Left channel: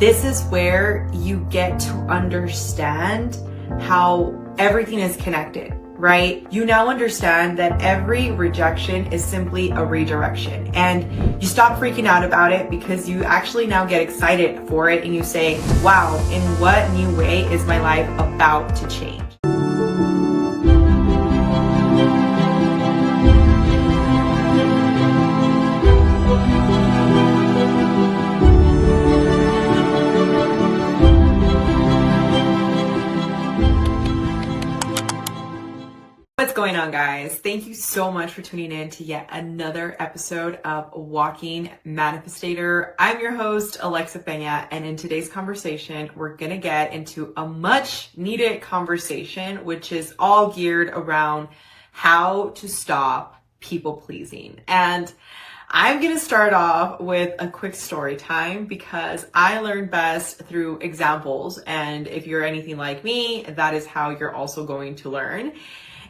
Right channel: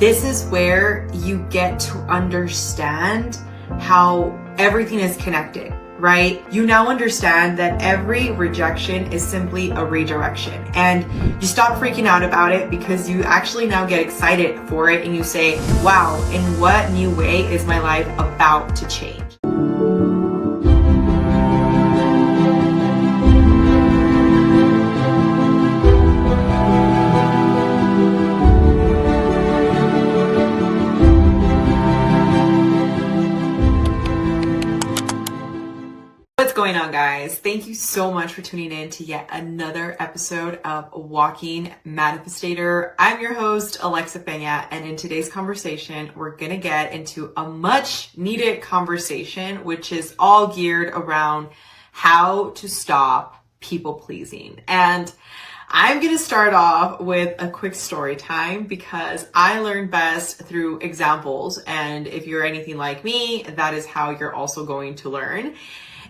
This is where you get to understand how everything is connected, right? You now understand that every rejection is simply a redirection, and you stop freaking out about it because you actually now get excited for it and you say, wow, in what new way is my life about to change? What's going on, guys? Thank you so much for tuning in to yet another episode of Walking Manifestator. I'm your host, Pena, and in today's conversation, we're gonna get into a much needed conversation, which is all geared around how to stop people pleasing. And I'm gonna start off with a quick story time because I learn best through examples. And if you're anything like me, that is how you're also going to learn.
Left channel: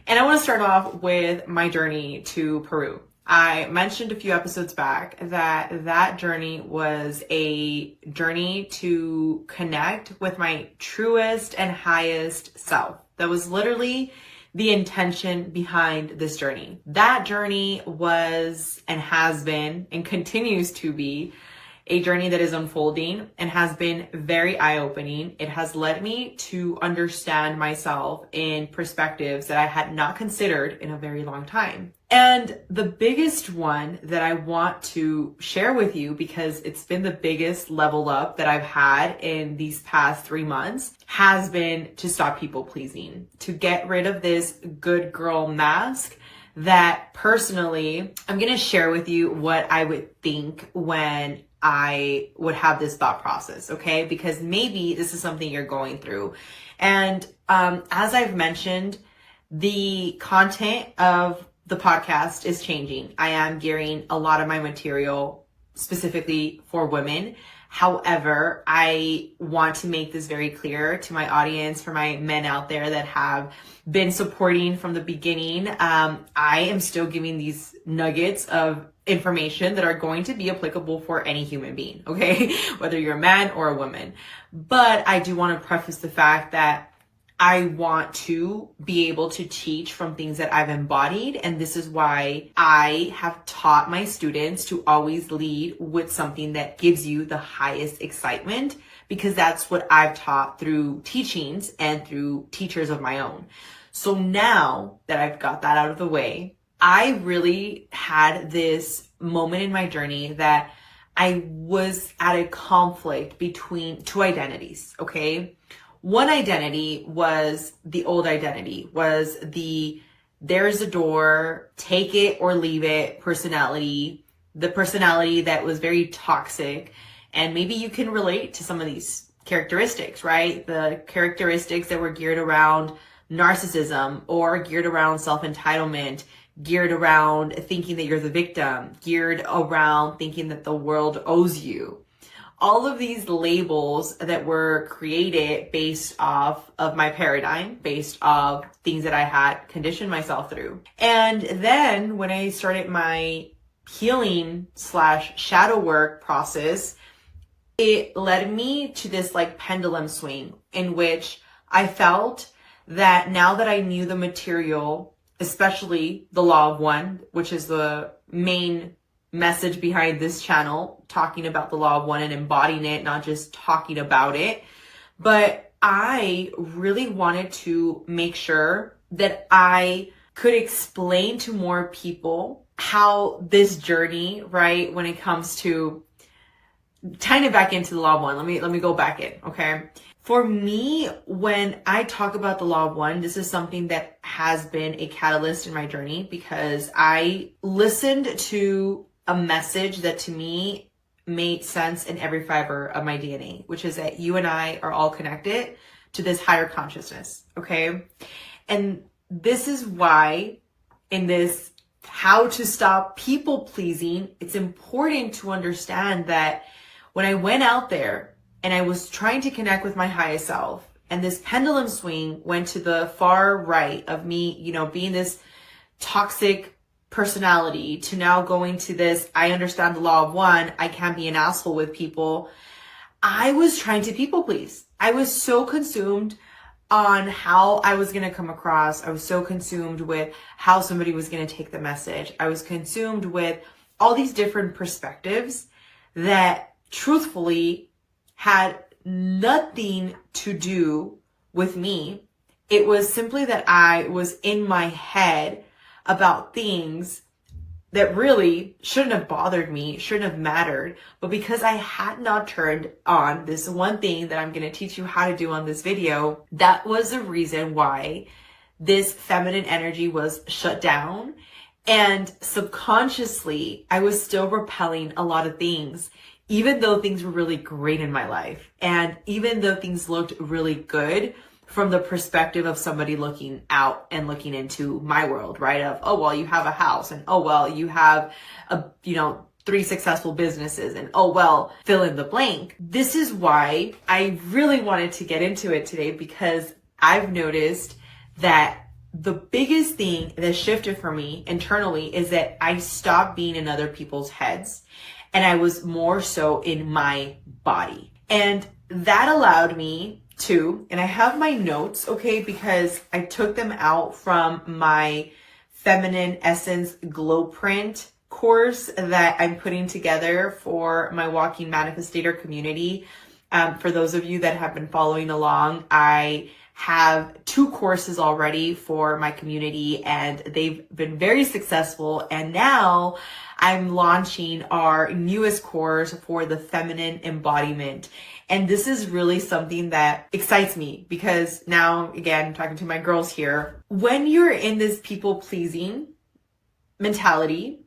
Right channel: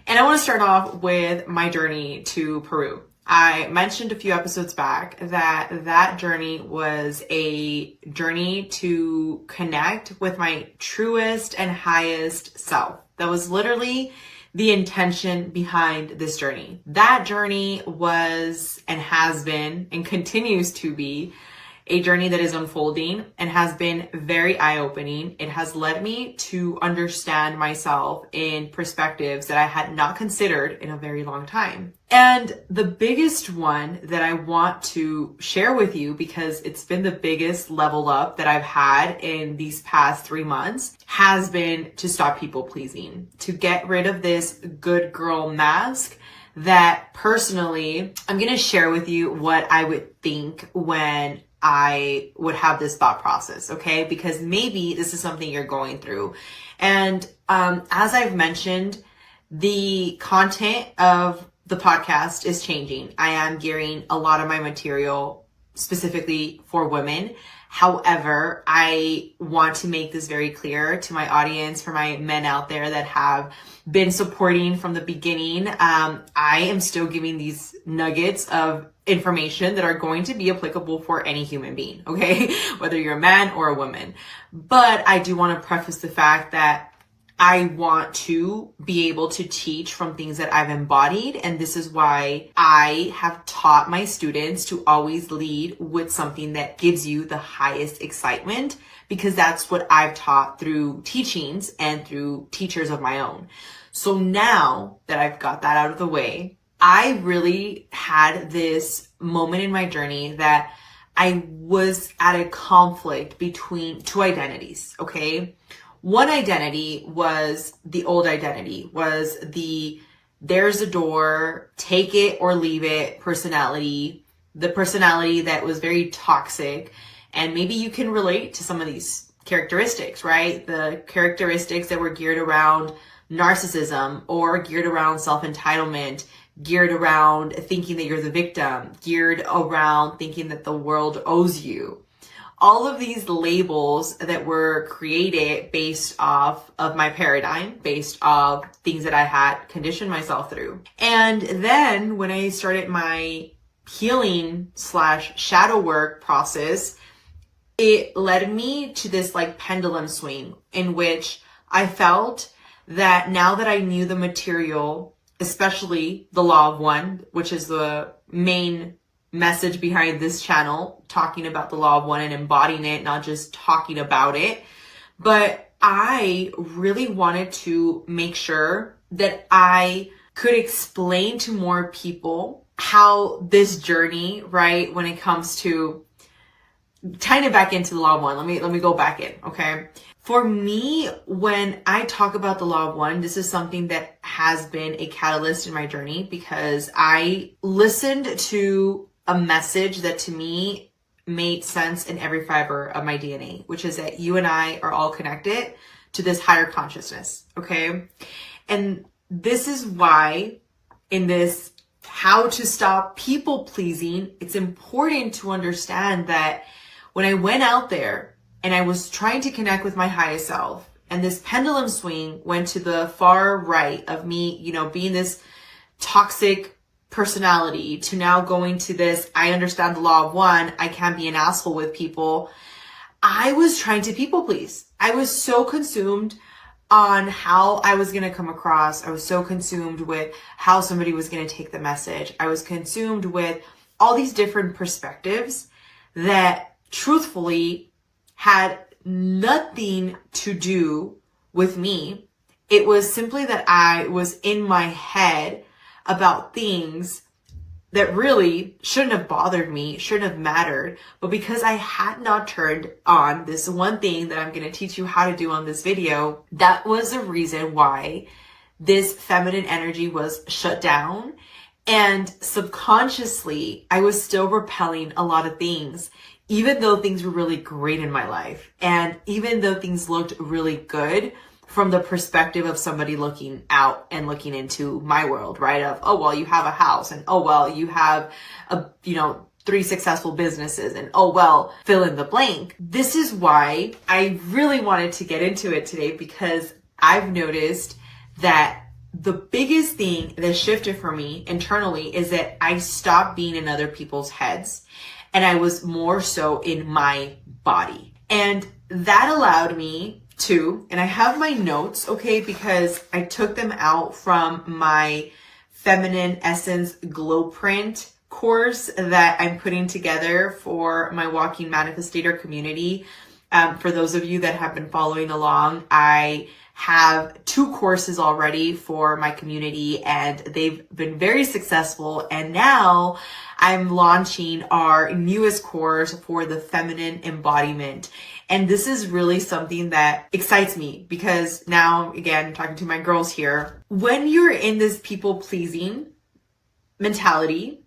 And I want to start off with my journey to Peru. I mentioned a few episodes back that journey was a journey to connect with my truest and highest self. That was literally the intention behind this journey. That journey was and has been and continues to be a journey that is unfolding and has been very eye-opening. It has led me to understand myself in perspectives that I had not considered in a very long time. And the biggest one that I want to share with you, because it's been the biggest level up that I've had in these past 3 months, has been to stop people pleasing, to get rid of this good girl mask that personally, I'm going to share with you what I would think when I would have this thought process, okay? Because maybe this is something you're going through. And as I've mentioned, the content of the podcast is changing. I am gearing a lot of my material specifically for women. However, I want to make this very clear to my audience, for my men out there that have been supporting from the beginning. I am still giving these nuggets of information that are going to be applicable for any human being, okay? Whether you're a man or a woman. But I do want to preface the fact that I want to be able to teach from things that I've embodied. And this is why I have taught my students to always lead with something that gives you the highest excitement, because that's what I've taught through teachings and through teachers of my own. So now that I've got that out of the way, I really had this moment in my journey that I was at a conflict between two identities, okay? One identity was the old identity, was the there's a door, take it or leave it personality, the personality that was very toxic. And maybe you can relate to some of these characteristics, right? The characteristics that were geared around narcissism or geared around self-entitlement, geared around thinking that you're the victim, geared around thinking that the world owes you. All of these labels that were created based off of my paradigm, based off things that I had conditioned myself through. And then when I started my healing / shadow work process, it led me to this like pendulum swing in which I felt that now that I knew the material, especially the law of one, which is the main message behind this channel, talking about the law of one and embodying it, not just talking about it. But I really wanted to make sure that I could explain to more people how this journey, right, when it comes to tying it back into the law of one, let me go back in, okay? For me, when I talk about the law of one, this is something that has been a catalyst in my journey, because I listened to a message that to me made sense in every fiber of my DNA, which is that you and I are all connected to this higher consciousness, okay? And this is why in this how to stop people pleasing, it's important to understand that when I went out there and I was trying to connect with my highest self, and this pendulum swing went to the far right of me, you know, being this toxic personality to now going to this, I understand the law of one, I can't be an asshole with people. I was trying to people please. I was so consumed on how I was going to come across. I was so consumed with how somebody was going to take the message. I was consumed with all these different perspectives that truthfully had nothing to do with me. It was simply that I was in my head about things that really shouldn't have bothered me, shouldn't have mattered. But because I had not turned on this one thing that I'm going to teach you how to do on this video, that was the reason why this feminine energy was shut down. And subconsciously, I was still repelling a lot of things, even though things were really great in my life. And even though things looked really good from the perspective of somebody looking out and looking into my world, right? Of, oh, well, you have a house, and oh, well, you have 3 successful businesses, and oh, well, fill in the blank. This is why I really wanted to get into it today, because I've noticed that the biggest thing that shifted for me internally is that I stopped being in other people's heads and I was more so in my body. And that allowed me to, and I have my notes, okay, because I took them out from my Feminine Essence Glow Print course that I'm putting together for my Walking Manifestator community. For those of you that have been following along, I have 2 courses already for my community and they've been very successful. And now I'm launching our newest course for the feminine embodiment. And this is really something that excites me because now, again, talking to my girls here, when you're in this people pleasing mentality,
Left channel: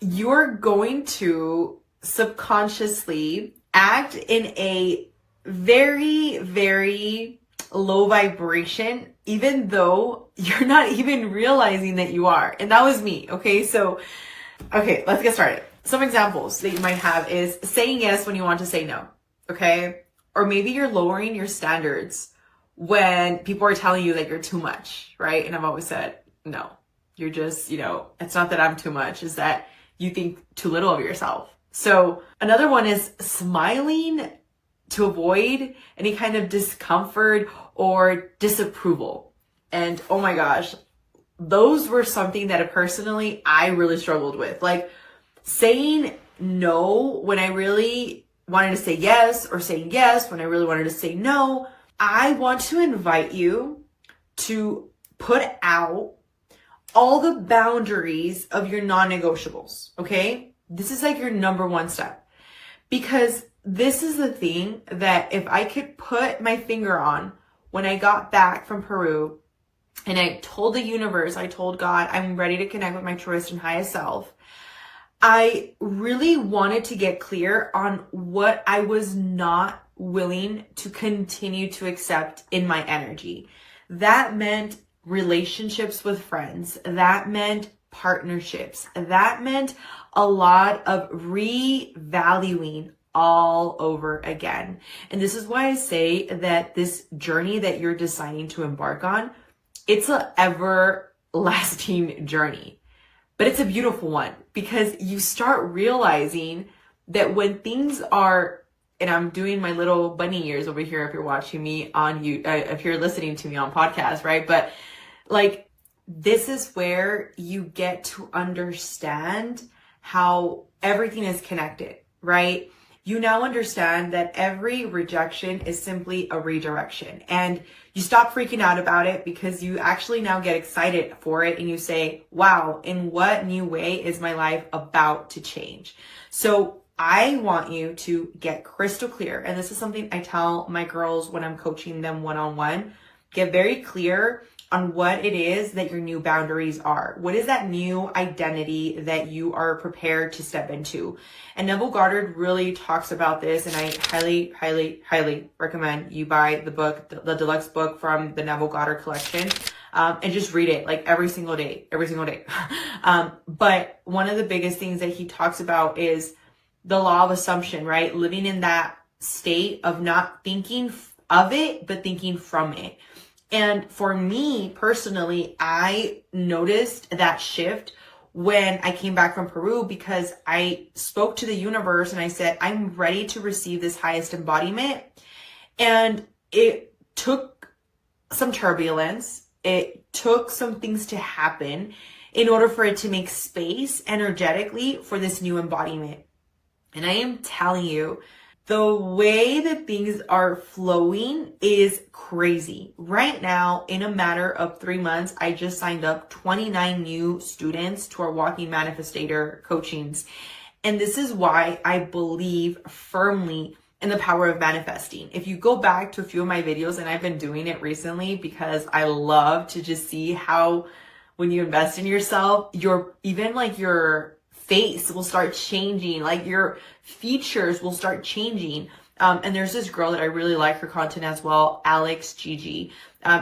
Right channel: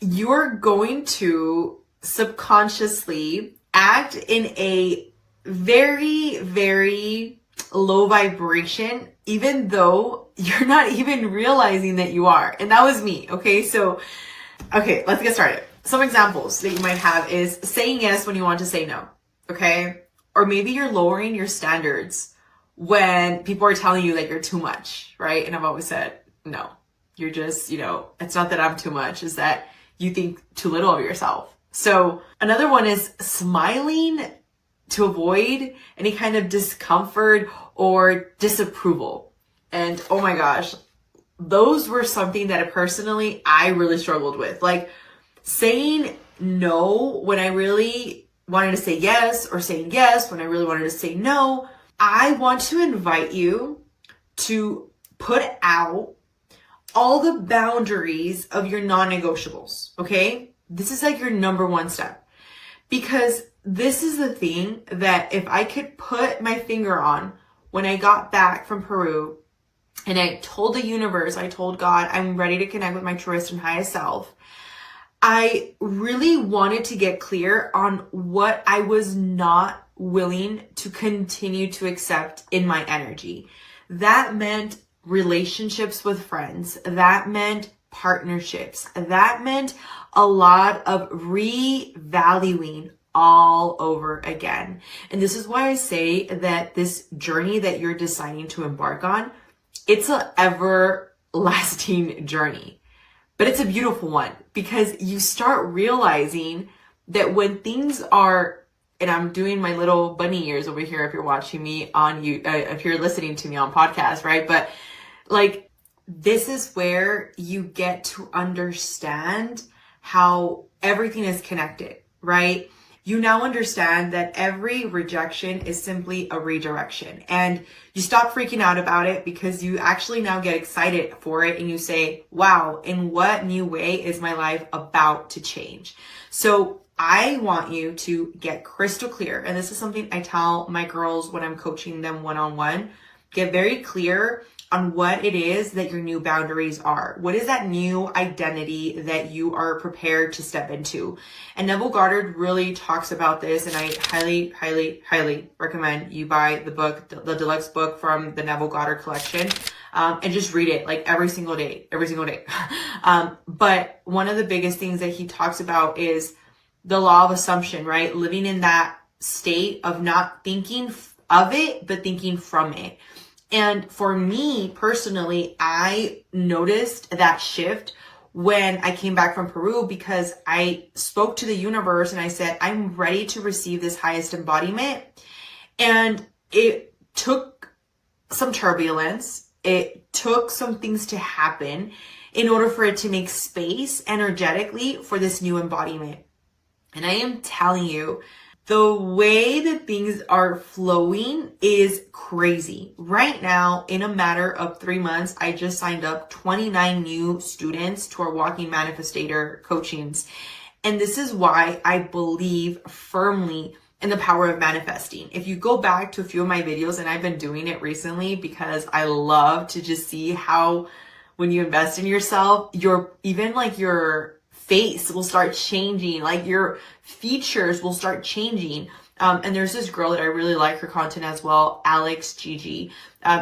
you're going to subconsciously act in a very, very low vibration, even though you're not even realizing that you are. And that was me. Okay. So, okay, let's get started. Some examples that you might have is saying yes when you want to say no. Okay. Or maybe you're lowering your standards when people are telling you that you're too much. Right. And I've always said, no, you're just, it's not that I'm too much, is that you think too little of yourself. So another one is smiling to avoid any kind of discomfort or disapproval. And oh my gosh, those were something that personally I really struggled with. Like saying no when I really wanted to say yes, or saying yes when I really wanted to say no. I want to invite you to put out all the boundaries of your non-negotiables, okay? This is like your number 1 step. Because this is the thing that if I could put my finger on when I got back from Peru and I told the universe, I told God, I'm ready to connect with my truest and highest self. I really wanted to get clear on what I was not willing to continue to accept in my energy. That meant relationships with friends. That meant partnerships. That meant a lot of revaluing all over again. And this is why I say that this journey that you're deciding to embark on, it's an everlasting journey. But it's a beautiful one because you start realizing that when things are, and I'm doing my little bunny ears over here if you're watching me on you, if you're listening to me on podcast, right? But like, this is where you get to understand how everything is connected, right? You now understand that every rejection is simply a redirection, and you stop freaking out about it because you actually now get excited for it and you say, wow, in what new way is my life about to change? So I want you to get crystal clear. And this is something I tell my girls when I'm coaching them one-on-one. Get very clear on what it is that your new boundaries are. What is that new identity that you are prepared to step into? And Neville Goddard really talks about this, and I highly, highly, highly recommend you buy the book, the deluxe book from the Neville Goddard collection, and just read it like every single day. But one of the biggest things that he talks about is the law of assumption, right? Living in that state of not thinking of it, but thinking from it. And for me personally, I noticed that shift when I came back from Peru, because I spoke to the universe and I said, I'm ready to receive this highest embodiment. And it took some turbulence. It took some things to happen in order for it to make space energetically for this new embodiment. And I am telling you, the way that things are flowing is crazy. Right now, in a matter of 3 months, I just signed up 29 new students to our Walking Manifestator coachings. And this is why I believe firmly in the power of manifesting. If you go back to a few of my videos, and I've been doing it recently because I love to just see how when you invest in yourself, your face will start changing, like your features will start changing. And there's this girl that I really like her content as well, Alex Gigi.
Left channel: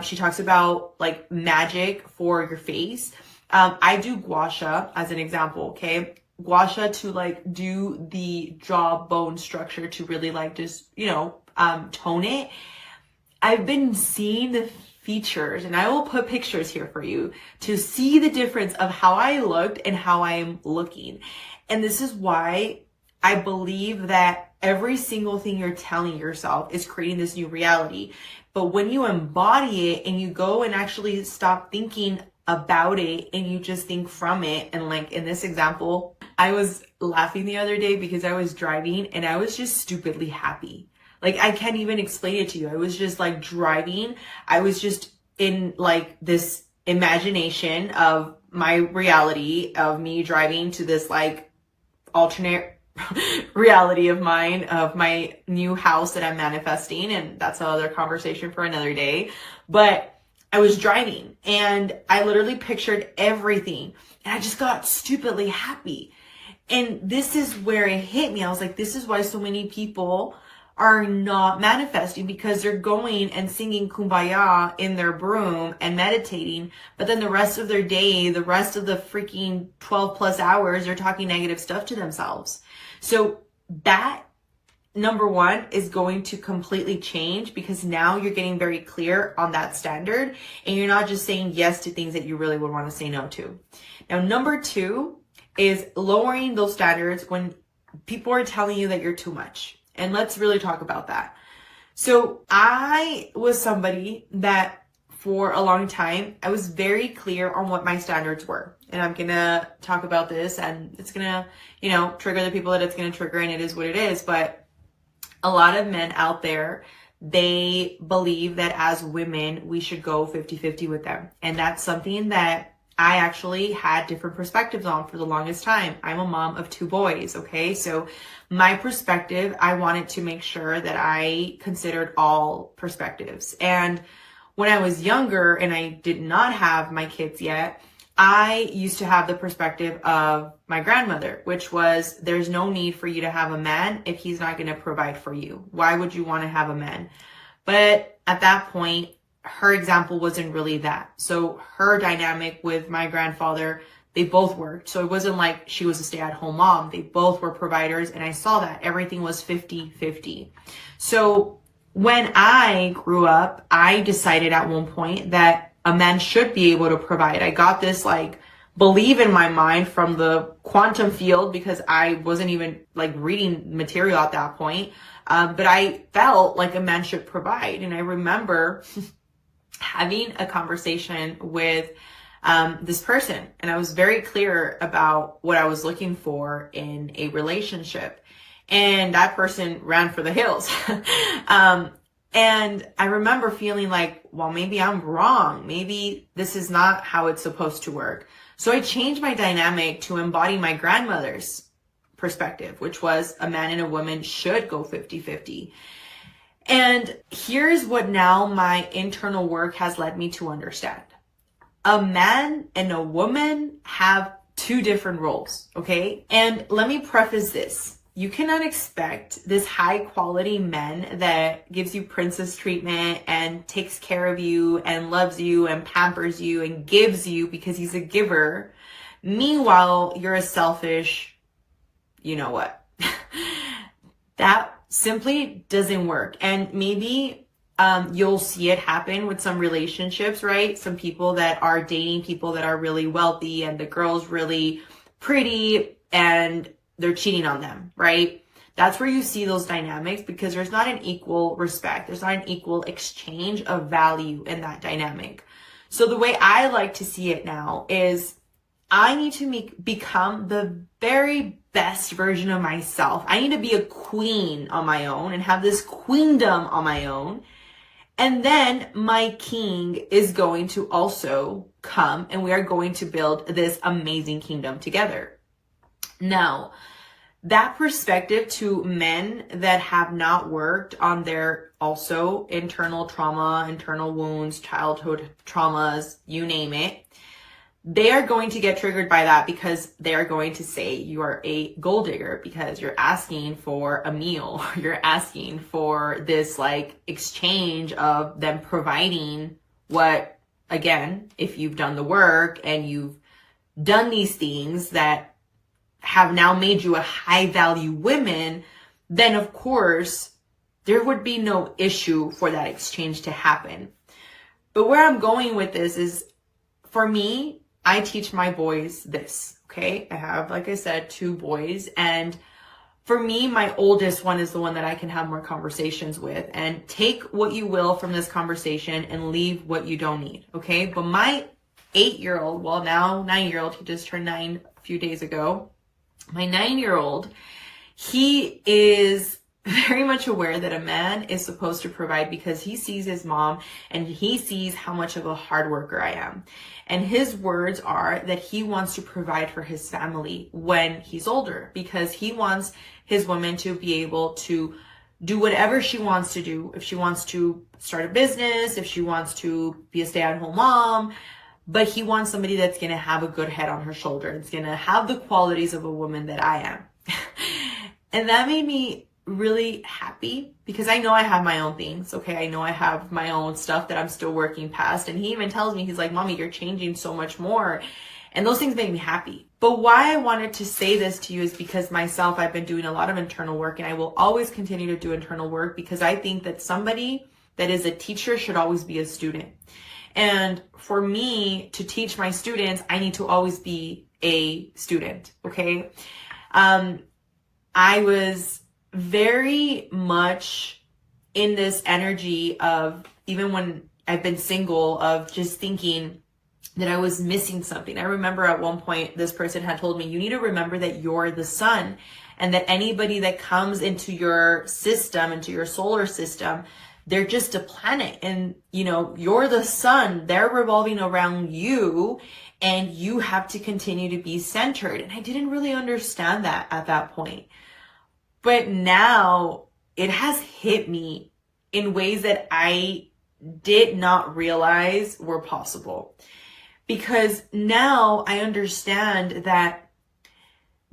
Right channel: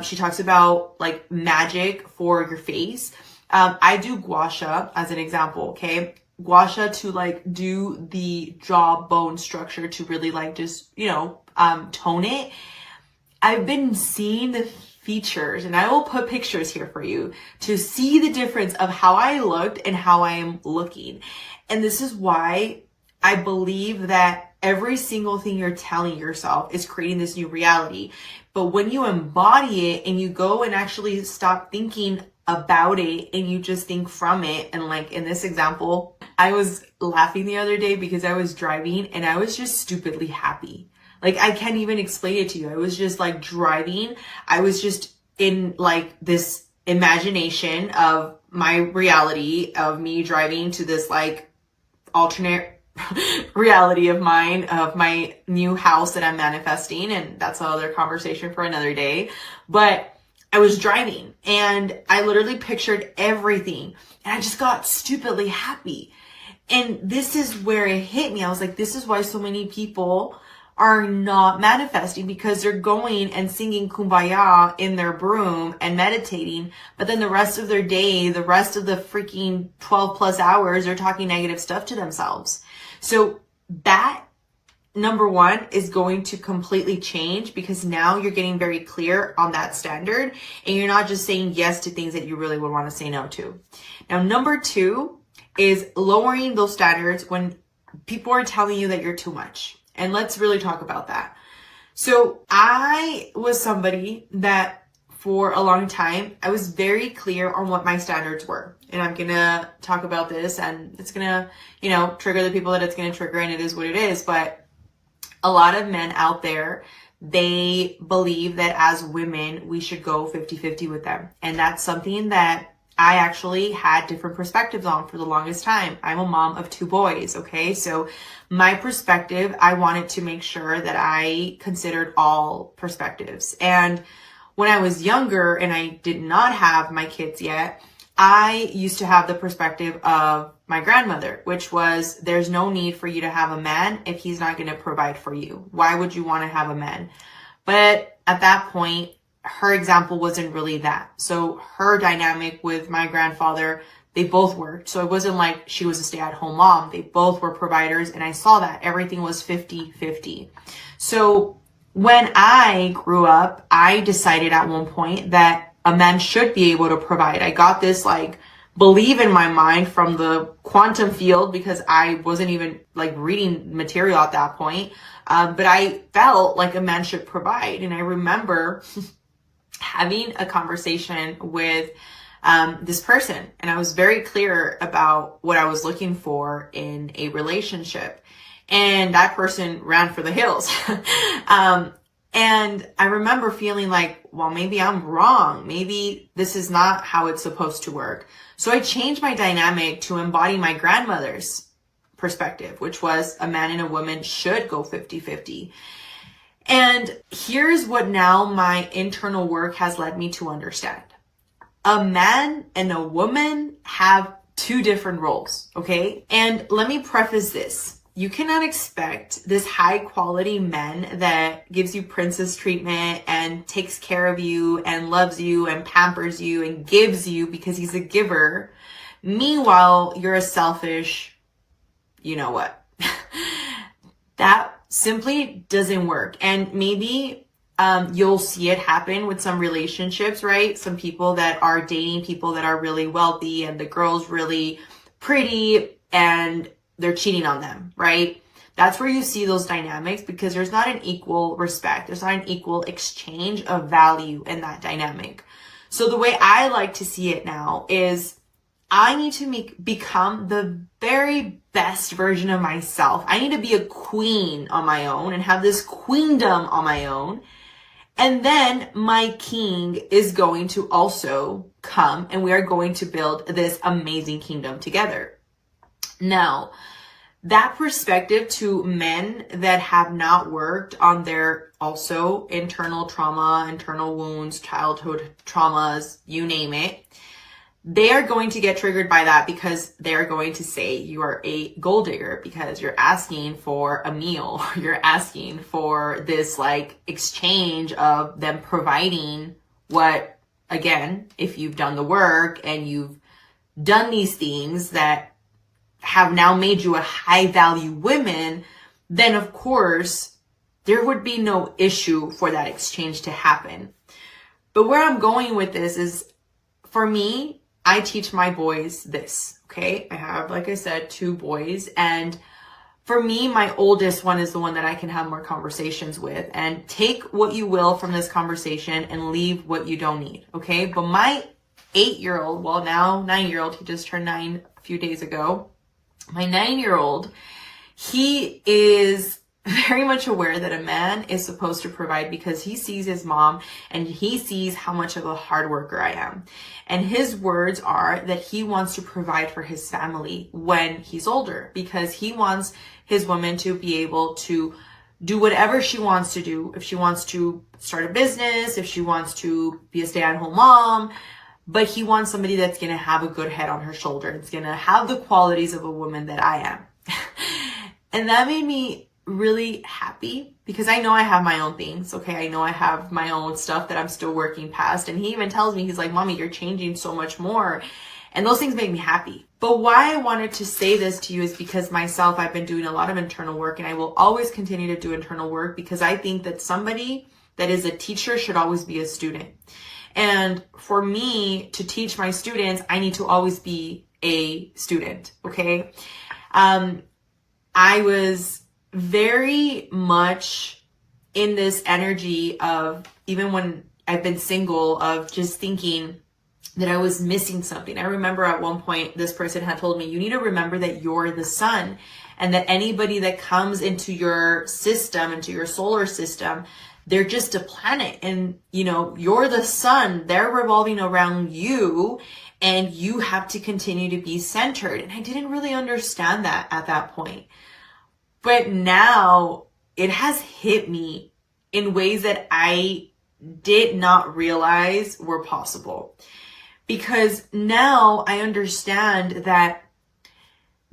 She talks about like magic for your face. I do gua sha as an example, okay? Gua sha to like do the jawbone structure to really like just, tone it. I've been seeing the features, and I will put pictures here for you to see the difference of how I looked and how I am looking. And this is why I believe that every single thing you're telling yourself is creating this new reality. But when you embody it and you go and actually stop thinking about it and you just think from it, and like in this example, I was laughing the other day because I was driving and I was just stupidly happy. Like, I can't even explain it to you. I was just like driving. I was just in like this imagination of my reality of me driving to this like alternate reality of mine, of my new house that I'm manifesting. And that's another conversation for another day. But I was driving and I literally pictured everything and I just got stupidly happy. And this is where it hit me. I was like, this is why so many people are not manifesting, because they're going and singing Kumbaya in their broom and meditating, but then the rest of their day, the rest of the freaking 12 plus hours, they're talking negative stuff to themselves. So that, number one, is going to completely change, because now you're getting very clear on that standard and you're not just saying yes to things that you really would want to say no to. Now, number two is lowering those standards when people are telling you that you're too much. And let's really talk about that. So I was somebody that for a long time, I was very clear on what my standards were. And I'm going to talk about this, and it's going to, trigger the people that it's going to trigger, and it is what it is. But a lot of men out there, they believe that as women, we should go 50-50 with them. And that's something that I actually had different perspectives on for the longest time. I'm a mom of 2 boys, okay? So my perspective, I wanted to make sure that I considered all perspectives. And when I was younger and I did not have my kids yet, I used to have the perspective of my grandmother, which was, there's no need for you to have a man if he's not going to provide for you. Why would you want to have a man? But at that point, her example wasn't really that. So her dynamic with my grandfather, they both worked. So it wasn't like she was a stay-at-home mom. They both were providers, and I saw that everything was 50-50. So when I grew up, I decided at one point that a man should be able to provide. I got this like belief in my mind from the quantum field, because I wasn't even like reading material at that point. But I felt like a man should provide. And I remember having a conversation with this person, and I was very clear about what I was looking for in a relationship, and that person ran for the hills. And I remember feeling like, well, maybe I'm wrong. Maybe this is not how it's supposed to work. So I changed my dynamic to embody my grandmother's perspective, which was a man and a woman should go 50-50. And here's what now my internal work has led me to understand. A man and a woman have 2 different roles, okay? And let me preface this. You cannot expect this high quality man that gives you princess treatment and takes care of you and loves you and pampers you and gives you because he's a giver. Meanwhile, you're a selfish, you know what? That simply doesn't work. And maybe You'll see it happen with some relationships, right? Some people that are dating people that are really wealthy and the girl's really pretty and they're cheating on them, right? That's where you see those dynamics because there's not an equal respect. There's not an equal exchange of value in that dynamic. So the way I like to see it now is I need to become the very best version of myself. I need to be a queen on my own and have this queendom on my own. And then my king is going to also come and we are going to build this amazing kingdom together. Now, that perspective to men that have not worked on their also internal trauma, internal wounds, childhood traumas, you name it, they are going to get triggered by that because they are going to say you are a gold digger because you're asking for a meal. You're asking for this like exchange of them providing what, again, if you've done the work and you've done these things that have now made you a high value woman, then of course there would be no issue for that exchange to happen. But where I'm going with this is, for me, I teach my boys this, okay? I have, like I said, 2 boys. And for me, my oldest one is the one that I can have more conversations with. And take what you will from this conversation and leave what you don't need, okay? But my 8-year-old, well now 9-year-old, he just turned 9 a few days ago. My 9-year-old, he is very much aware that a man is supposed to provide because he sees his mom and he sees how much of a hard worker I am. And his words are that he wants to provide for his family when he's older because he wants his woman to be able to do whatever she wants to do. If she wants to start a business, if she wants to be a stay-at-home mom, but he wants somebody that's going to have a good head on her shoulder. It's going to have the qualities of a woman that I am. And that made me really happy because I know I have my own things. Okay. I know I have my own stuff that I'm still working past. And he even tells me, he's like, Mommy, you're changing so much more. And those things make me happy. But why I wanted to say this to you is because myself, I've been doing a lot of internal work and I will always continue to do internal work because I think that somebody that is a teacher should always be a student. And for me to teach my students, I need to always be a student. Okay. I was very much in this energy of, even when I've been single, of just thinking that I was missing something. I remember at one point, this person had told me, you need to remember that you're the sun and that anybody that comes into your system, into your solar system, they're just a planet and, you know, you're the sun, they're revolving around you and you have to continue to be centered. And I didn't really understand that at that point. But now it has hit me in ways that I did not realize were possible. Because now I understand that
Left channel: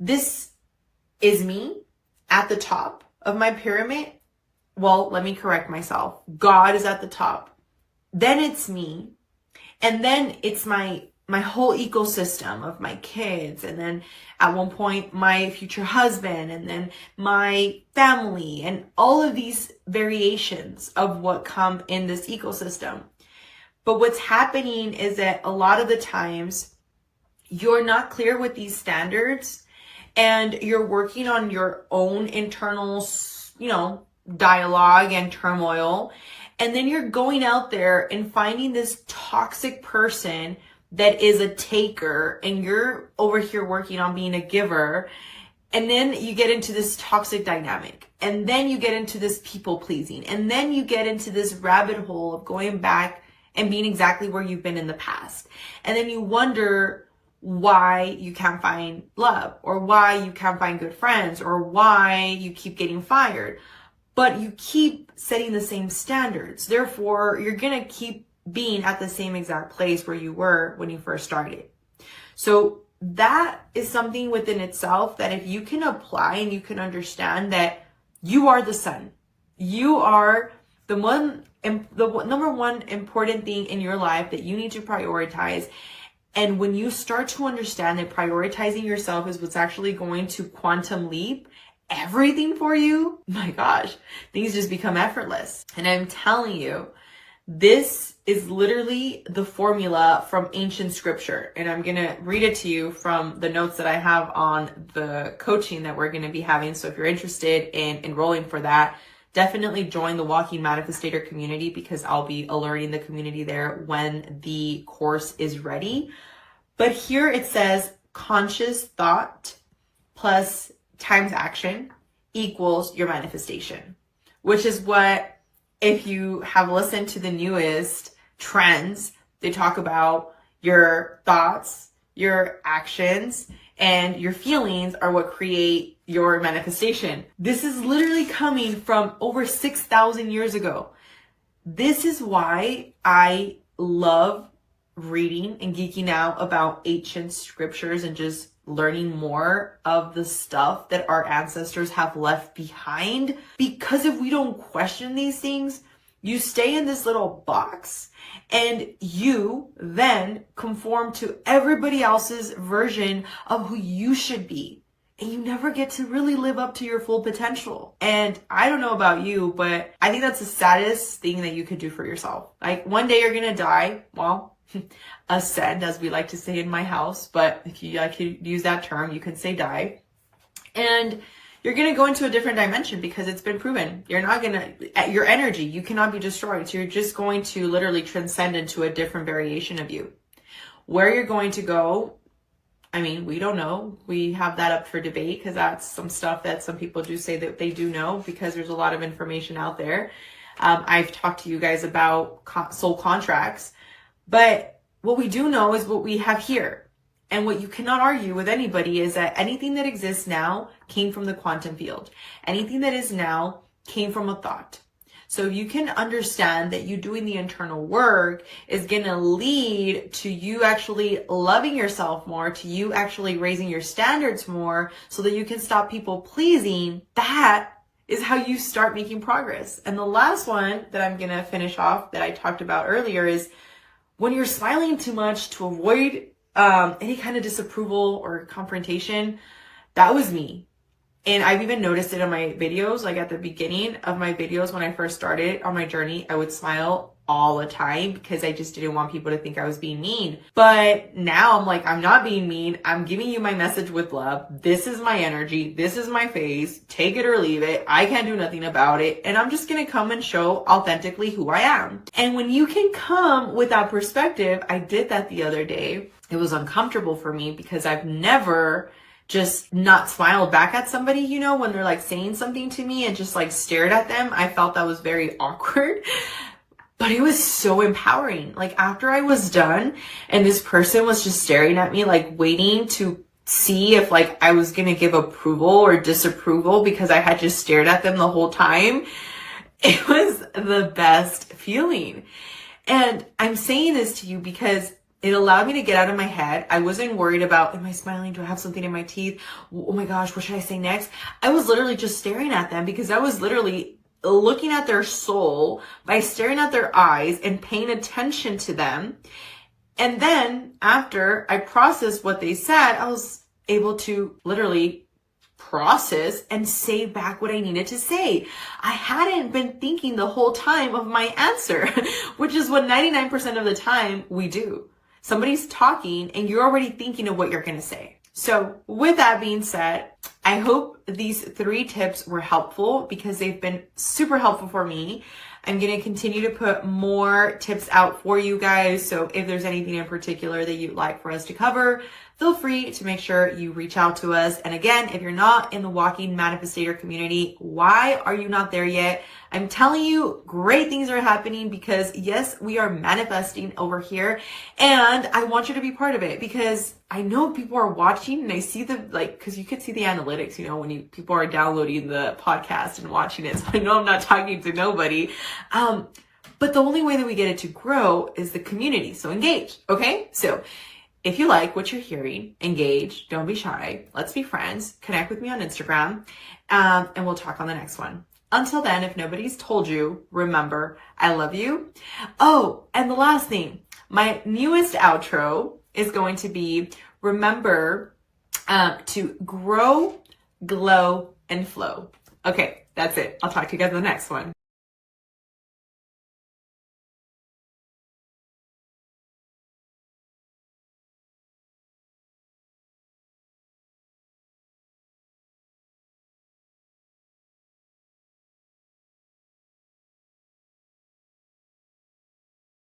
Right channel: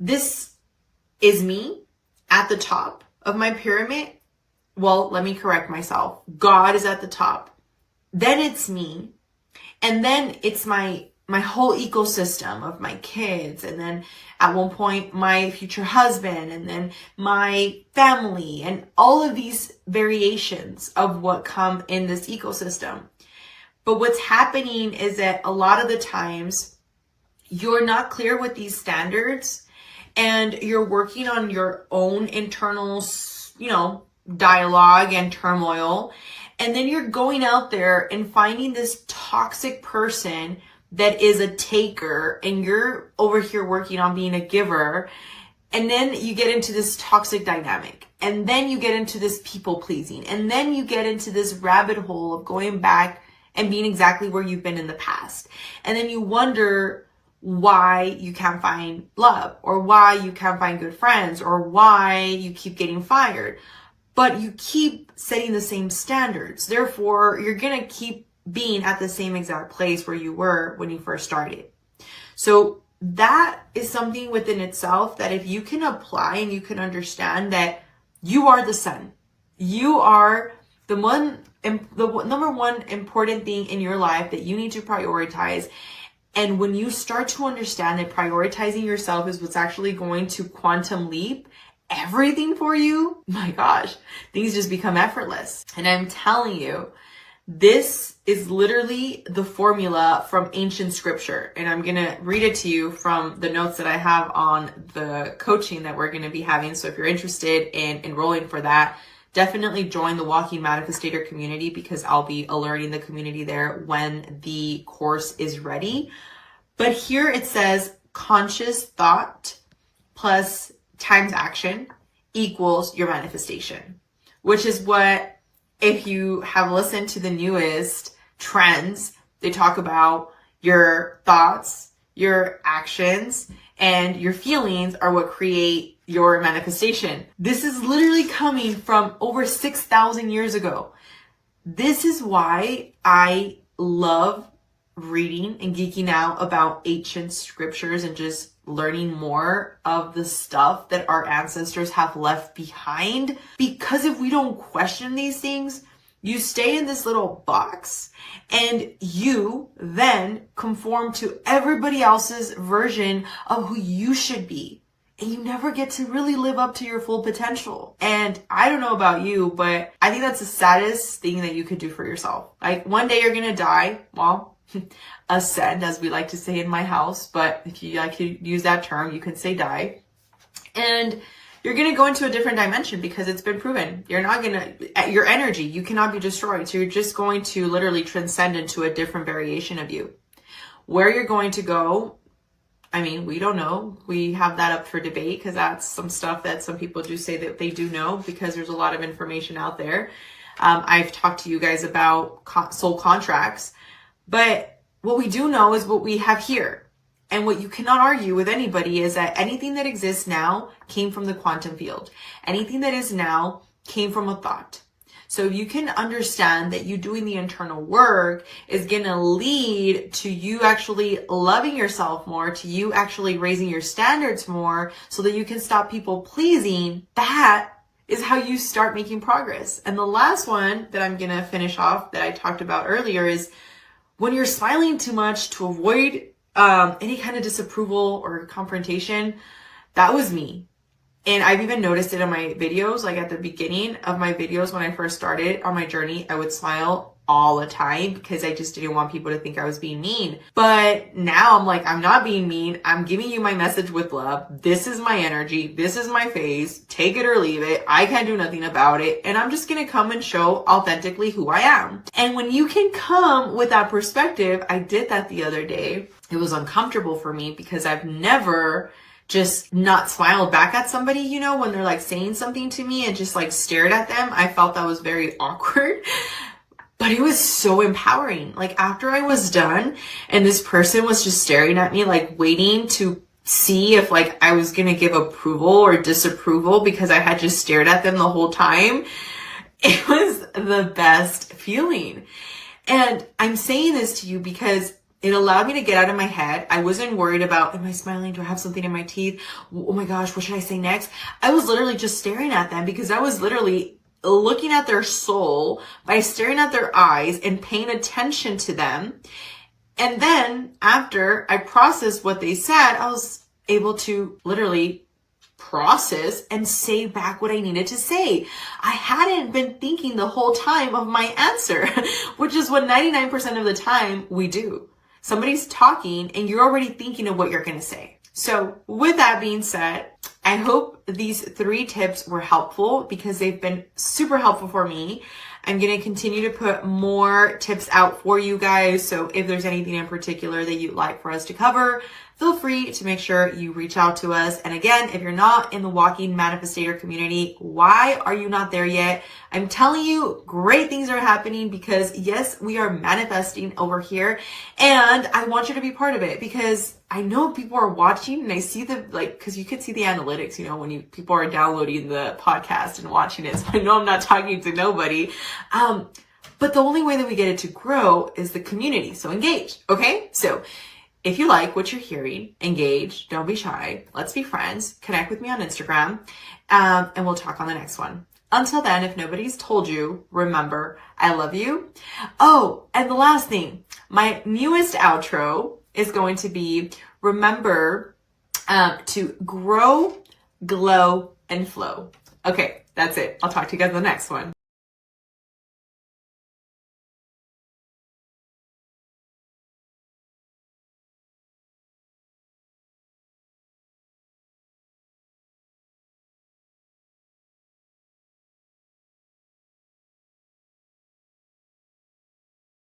this is me at the top of my pyramid. Well, let me correct myself. God is at the top. Then it's me. And then it's my whole ecosystem of my kids. And then at one point, my future husband, and then my family, and all of these variations of what come in this ecosystem. But what's happening is that a lot of the times you're not clear with these standards and you're working on your own internal, dialogue and turmoil. And then you're going out there and finding this toxic person that is a taker and you're over here working on being a giver. And then you get into this toxic dynamic. And then you get into this people pleasing. And then you get into this rabbit hole of going back and being exactly where you've been in the past. And then you wonder why you can't find love, or why you can't find good friends, or why you keep getting fired. But you keep setting the same standards. Therefore, you're going to keep being at the same exact place where you were when you first started. So that is something within itself that if you can apply and you can understand that you are the sun, you are the number one important thing in your life that you need to prioritize. And when you start to understand that prioritizing yourself is what's actually going to quantum leap everything for you, my gosh, things just become effortless. And I'm telling you, this is literally the formula from ancient scripture. And I'm going to read it to you from the notes that I have on the coaching that we're going to be having. So if you're interested in enrolling for that, definitely join the Walking Manifestator community, because I'll be alerting the community there when the course is ready. But here it says conscious thought plus times action equals your manifestation, which is what, if you have listened to the newest trends, they talk about your thoughts, your actions, and your feelings are what create your manifestation. This is literally coming from over 6,000 years ago. This is why I love reading and geeking out about ancient scriptures and just learning more of the stuff that our ancestors have left behind. Because if we don't question these things, you stay in this little box and you then conform to everybody else's version of who you should be. And you never get to really live up to your full potential. And I don't know about you, but I think that's the saddest thing that you could do for yourself. Like, one day you're gonna die. Well, ascend, as we like to say in my house, but if you like to use that term, you can say die. And you're going to go into a different dimension, because it's been proven. You're not going to, your energy, you cannot be destroyed. So you're just going to literally transcend into a different variation of you. Where you're going to go, I mean, we don't know. We have that up for debate, because that's some stuff that some people do say that they do know, because there's a lot of information out there. I've talked to you guys about soul contracts. But what we do know is what we have here. And what you cannot argue with anybody is that anything that exists now came from the quantum field. Anything that is now came from a thought. So if you can understand that you doing the internal work is going to lead to you actually loving yourself more, to you actually raising your standards more, so that you can stop people pleasing, that is how you start making progress. And the last one that I'm going to finish off that I talked about earlier is, when you're smiling too much to avoid any kind of disapproval or confrontation, that was me. And I've even noticed it in my videos. Like, at the beginning of my videos, when I first started on my journey, I would smile all the time, because I just didn't want people to think I was being mean. But now I'm like, I'm not being mean. I'm giving you my message with love. This is my energy. This is my face. Take it or leave it. I can't do nothing about it. And I'm just going to come and show authentically who I am. And when you can come with that perspective, I did that the other day. It was uncomfortable for me, because I've never just not smiled back at somebody, you know, when they're like saying something to me, and just like stared at them. I felt that was very awkward. But it was so empowering. Like, after I was done and this person was just staring at me, like waiting to see if like I was going to give approval or disapproval, because I had just stared at them the whole time, it was the best feeling. And I'm saying this to you because it allowed me to get out of my head. I wasn't worried about, am I smiling? Do I have something in my teeth? Oh my gosh, what should I say next? I was literally just staring at them, because I was literally looking at their soul by staring at their eyes and paying attention to them. And then after I processed what they said, I was able to literally process and say back what I needed to say. I hadn't been thinking the whole time of my answer, which is what 99% of the time we do. Somebody's talking and you're already thinking of what you're going to say. So with that being said, I hope these 3 tips were helpful, because they've been super helpful for me. I'm going to continue to put more tips out for you guys. So if there's anything in particular that you'd like for us to cover, feel free to make sure you reach out to us. And again, if you're not in the Walking Manifestator community, why are you not there yet? I'm telling you, great things are happening, because yes, we are manifesting over here, and I want you to be part of it, because I know people are watching, and I see the, like, because you could see the analytics, you know, when people are downloading the podcast and watching it. So I know I'm not talking to nobody. But the only way that we get it to grow is the community. So engage. Okay. So if you like what you're hearing, engage, don't be shy. Let's be friends. Connect with me on Instagram. And we'll talk on the next one. Until then, if nobody's told you, remember, I love you. Oh, and the last thing, my newest outro is going to be, remember to grow, glow, and flow. Okay, that's it. I'll talk to you guys in the next one.